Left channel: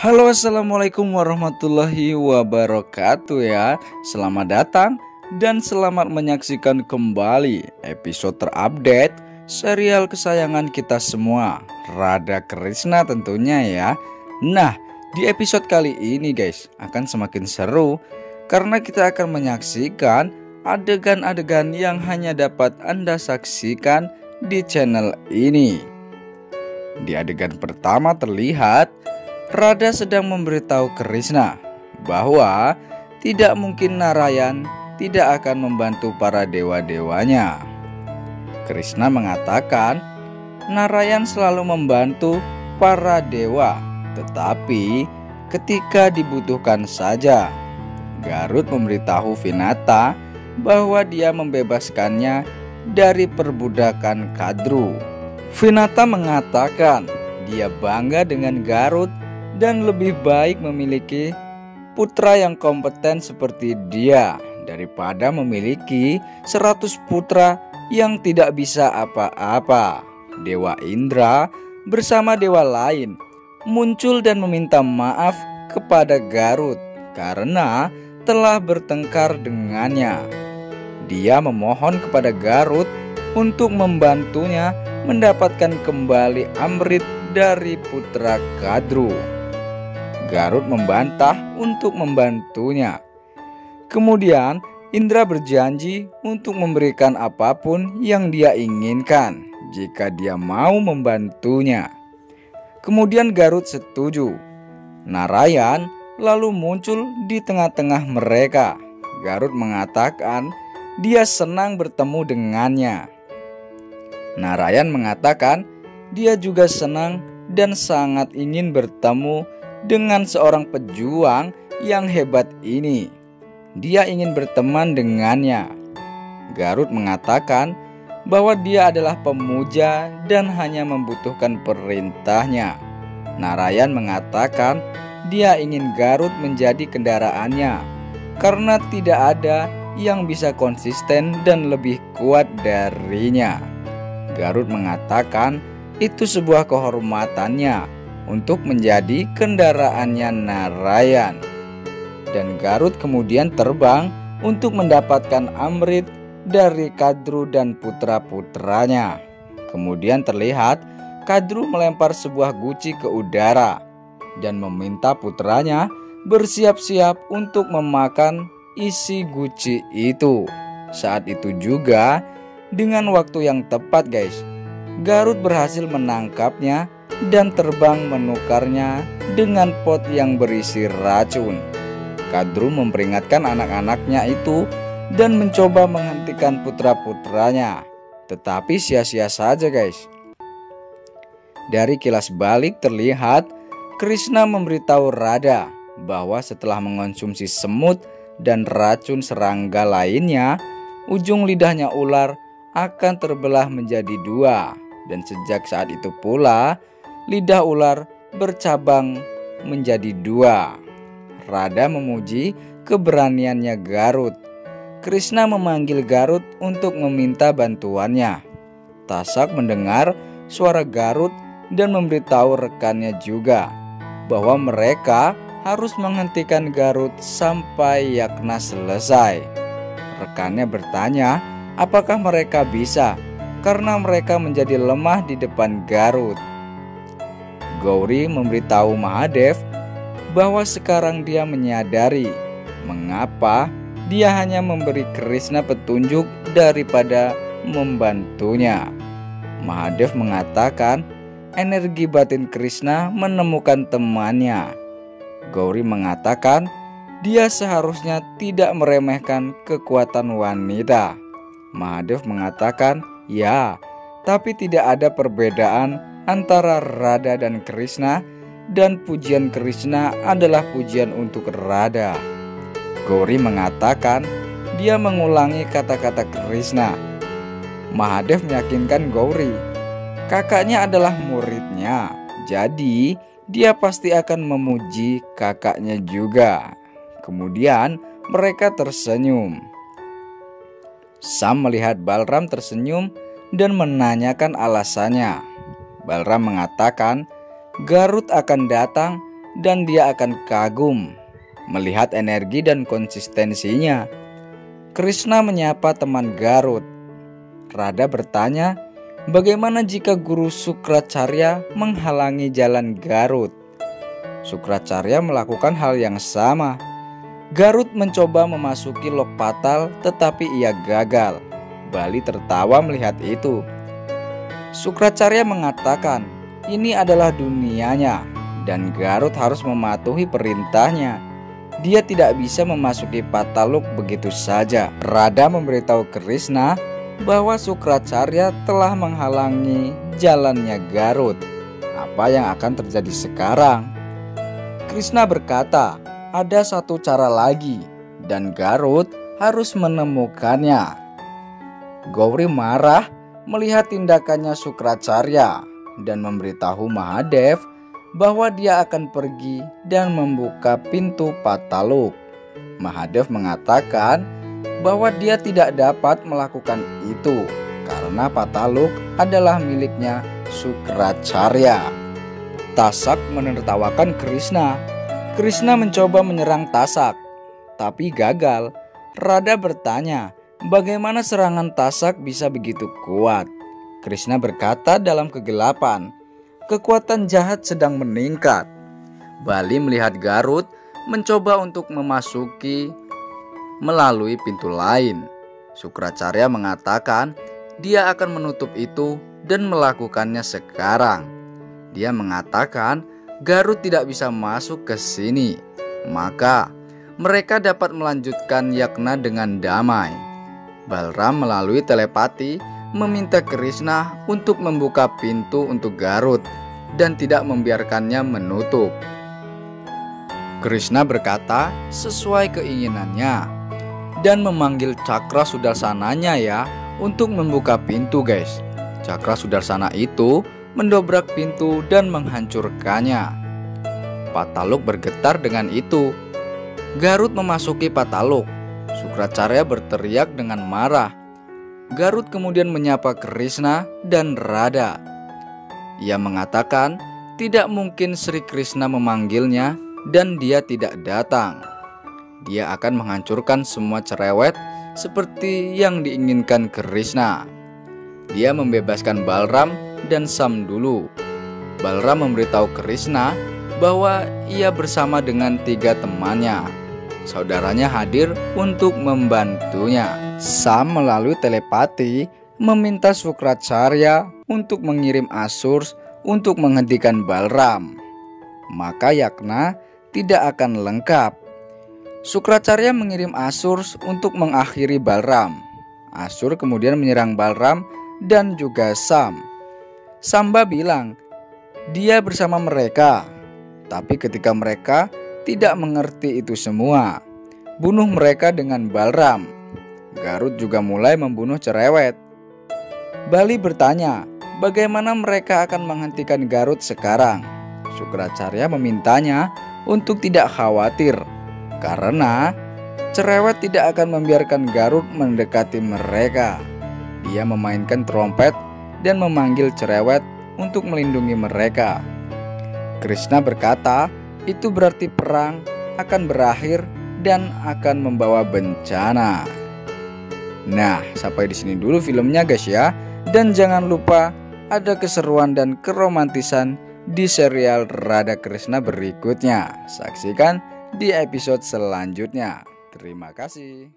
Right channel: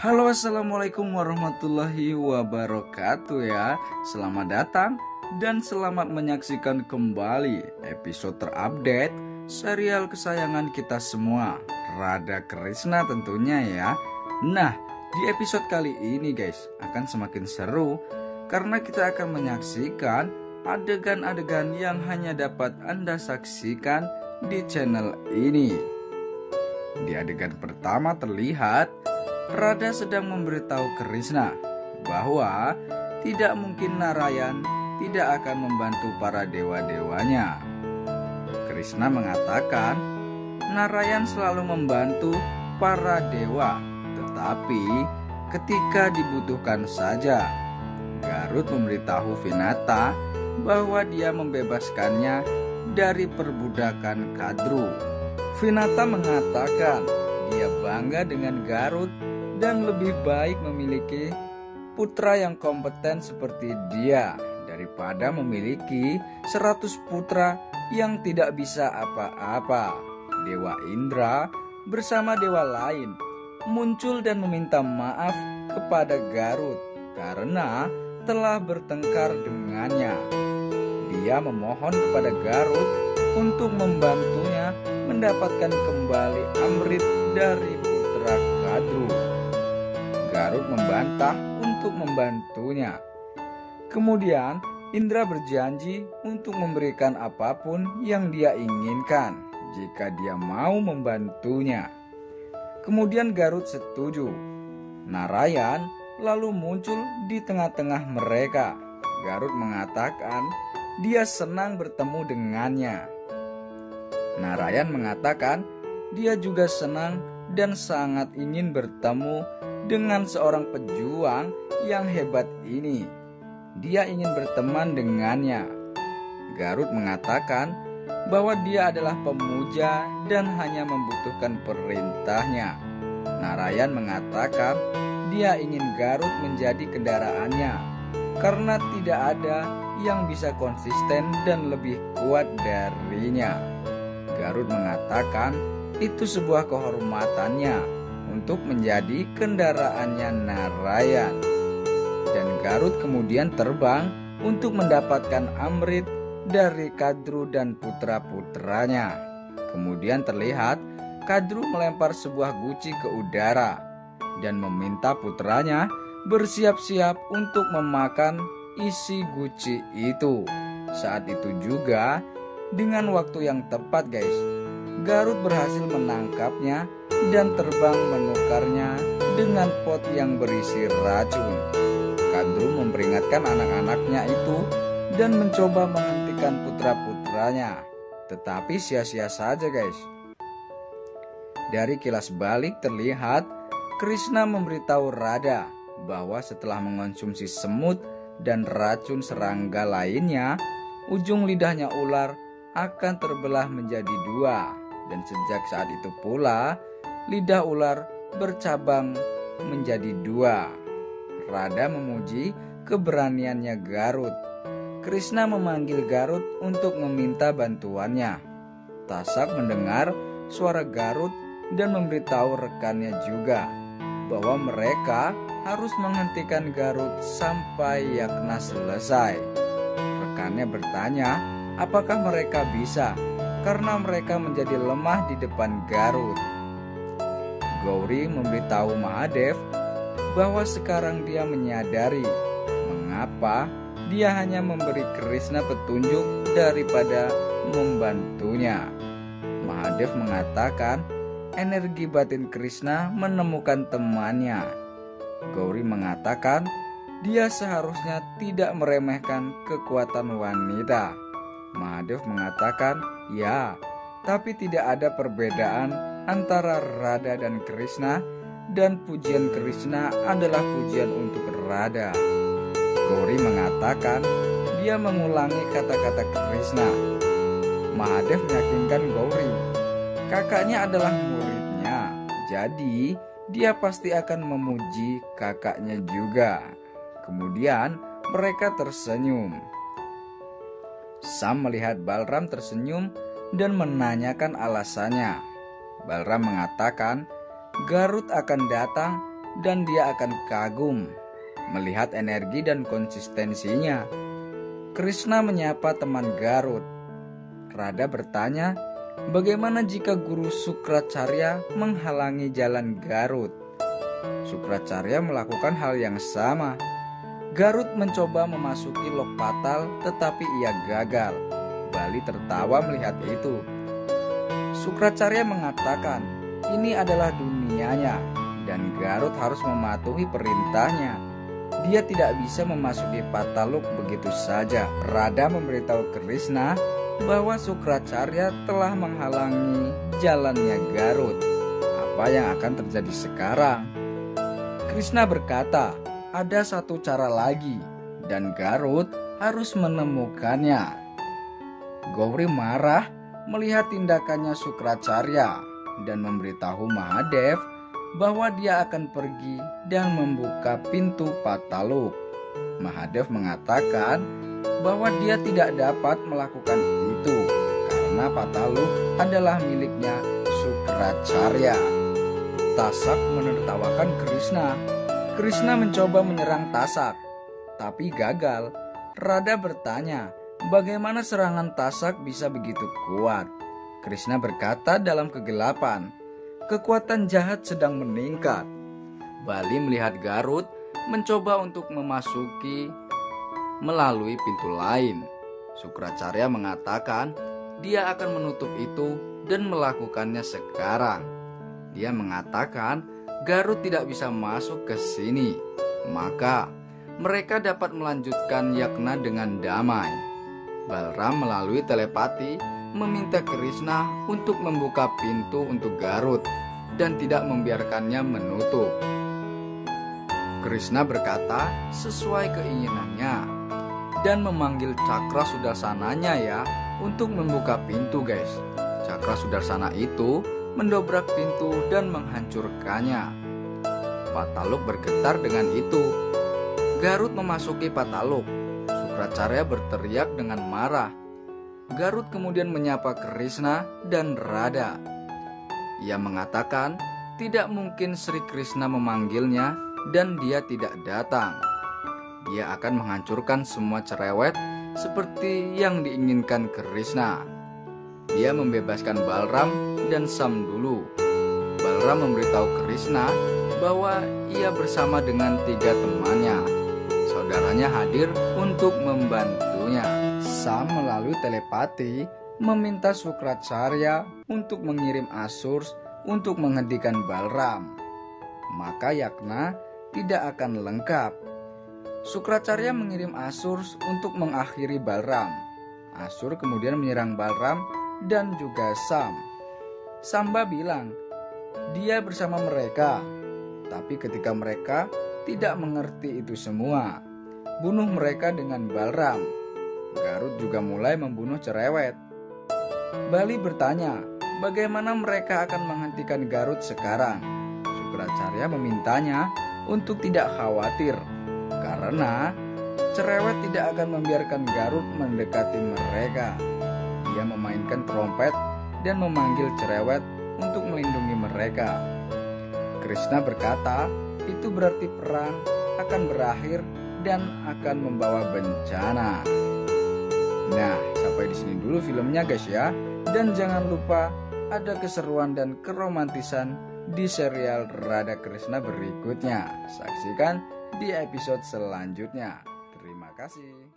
Halo, assalamualaikum warahmatullahi wabarakatuh ya. Selamat datang dan selamat menyaksikan kembali episode terupdate serial kesayangan kita semua, Radha Krishna tentunya ya. Nah, di episode kali ini guys akan semakin seru karena kita akan menyaksikan adegan-adegan yang hanya dapat Anda saksikan di channel ini. Di adegan pertama terlihat Radha sedang memberitahu Krishna bahwa tidak mungkin Narayan tidak akan membantu para dewa-dewanya. Krishna mengatakan Narayan selalu membantu para dewa, tetapi ketika dibutuhkan saja. Garud memberitahu Vinata bahwa dia membebaskannya dari perbudakan Kadru. Vinata mengatakan dia bangga dengan Garud dan lebih baik memiliki putra yang kompeten seperti dia daripada memiliki 100 putra yang tidak bisa apa-apa. Dewa Indra bersama dewa lain muncul dan meminta maaf kepada Garud karena telah bertengkar dengannya. Dia memohon kepada Garud untuk membantunya mendapatkan kembali Amrit dari putra Kadru. Garud membantah untuk membantunya. Kemudian Indra berjanji untuk memberikan apapun yang dia inginkan jika dia mau membantunya. Kemudian Garud setuju. Narayan lalu muncul di tengah-tengah mereka. Garud mengatakan dia senang bertemu dengannya. Narayan mengatakan dia juga senang dan sangat ingin bertemu dengan seorang pejuang yang hebat ini. Dia ingin berteman dengannya. Garud mengatakan bahwa dia adalah pemuja dan hanya membutuhkan perintahnya. Narayan mengatakan dia ingin Garud menjadi kendaraannya karena tidak ada yang bisa konsisten dan lebih kuat darinya. Garud mengatakan itu sebuah kehormatannya untuk menjadi kendaraannya Narayan. Dan Garud kemudian terbang untuk mendapatkan Amrit dari Kadru dan putra-putranya. Kemudian terlihat Kadru melempar sebuah guci ke udara dan meminta putranya bersiap-siap untuk memakan isi guci itu. Saat itu juga dengan waktu yang tepat guys, Garud berhasil menangkapnya dan terbang menukarnya dengan pot yang berisi racun. Kadru memperingatkan anak-anaknya itu dan mencoba menghentikan putra-putranya, tetapi sia-sia saja guys. Dari kilas balik terlihat Krishna memberitahu Radha bahwa setelah mengonsumsi semut dan racun serangga lainnya, ujung lidahnya ular akan terbelah menjadi dua. Dan sejak saat itu pula lidah ular bercabang menjadi dua. Radha memuji keberaniannya Garud. Krishna memanggil Garud untuk meminta bantuannya. Tasak mendengar suara Garud dan memberitahu rekannya juga bahwa mereka harus menghentikan Garud sampai Yagna selesai. Rekannya bertanya apakah mereka bisa karena mereka menjadi lemah di depan Garud. Gauri memberitahu Mahadev bahwa sekarang dia menyadari mengapa dia hanya memberi Krishna petunjuk daripada membantunya. Mahadev mengatakan energi batin Krishna menemukan temannya. Gauri mengatakan dia seharusnya tidak meremehkan kekuatan wanita. Mahadev mengatakan ya, tapi tidak ada perbedaan antara Radha dan Krishna, dan pujian Krishna adalah pujian untuk Radha. Gauri mengatakan dia mengulangi kata-kata Krishna. Mahadev meyakinkan Gauri, kakaknya adalah muridnya, jadi dia pasti akan memuji kakaknya juga. Kemudian mereka tersenyum. Sam melihat Balram tersenyum dan menanyakan alasannya. Balram mengatakan Garud akan datang dan dia akan kagum melihat energi dan konsistensinya. Krishna menyapa teman Garut. Radha bertanya, bagaimana jika Guru Sukracarya menghalangi jalan Garut? Sukracarya melakukan hal yang sama. Garut mencoba memasuki Lokpatal tetapi ia gagal. Bali tertawa melihat itu. Sukracarya mengatakan, ini adalah dunianya dan Garut harus mematuhi perintahnya. Dia tidak bisa memasuki Pataluk begitu saja. Radha memberitahu Krishna bahwa Sukracarya telah menghalangi jalannya Garut. Apa yang akan terjadi sekarang? Krishna berkata, ada satu cara lagi dan Garut harus menemukannya. Gauri marah melihat tindakannya Sukracarya dan memberitahu Mahadev bahwa dia akan pergi dan membuka pintu Pataluk. Mahadev mengatakan bahwa dia tidak dapat melakukan itu karena Pataluk adalah miliknya Sukracarya. Tasak menertawakan Krishna. Krishna mencoba menyerang Tasak, tapi gagal. Radha bertanya, bagaimana serangan Tasak bisa begitu kuat? Krishna berkata dalam kegelapan, kekuatan jahat sedang meningkat. Bali melihat Garut mencoba untuk memasuki melalui pintu lain. Sukracarya mengatakan dia akan menutup itu dan melakukannya sekarang. Dia mengatakan Garut tidak bisa masuk ke sini, maka mereka dapat melanjutkan yagna dengan damai. Balram melalui telepati meminta Krishna untuk membuka pintu untuk Garut dan tidak membiarkannya menutup. Krishna berkata sesuai keinginannya dan memanggil Cakra Sudarsananya ya untuk membuka pintu guys. Cakra Sudarsana itu mendobrak pintu dan menghancurkannya. Pataluk bergetar dengan itu. Garut memasuki Pataluk. Sukracarya berteriak dengan marah. Garut kemudian menyapa Krishna dan Radha. Ia mengatakan tidak mungkin Sri Krishna memanggilnya dan dia tidak datang. Dia akan menghancurkan semua cerewet seperti yang diinginkan Krishna. Dia membebaskan Balram dan Sam dulu. Balram memberitahu Krishna bahwa ia bersama dengan 3 temannya. Saudaranya hadir untuk membantunya. Sam melalui telepati meminta Sukracarya untuk mengirim Asurs untuk menghentikan Balram. Maka yagna tidak akan lengkap. Sukracarya mengirim Asurs untuk mengakhiri Balram. Asur kemudian menyerang Balram dan juga Sam. Samba bilang dia bersama mereka, tapi ketika mereka tidak mengerti itu semua, bunuh mereka dengan Balram. Garut juga mulai membunuh cerewet. Bali bertanya, bagaimana mereka akan menghentikan Garut sekarang? Sukracarya memintanya untuk tidak khawatir, karena cerewet tidak akan membiarkan Garut mendekati mereka. Dia memainkan trompet dan memanggil cerewet untuk melindungi mereka. Krishna berkata, itu berarti perang akan berakhir dan akan membawa bencana. Nah, sampai di sini dulu filmnya guys ya. Dan jangan lupa ada keseruan dan keromantisan di serial Radha Krishna berikutnya. Saksikan di episode selanjutnya. Terima kasih.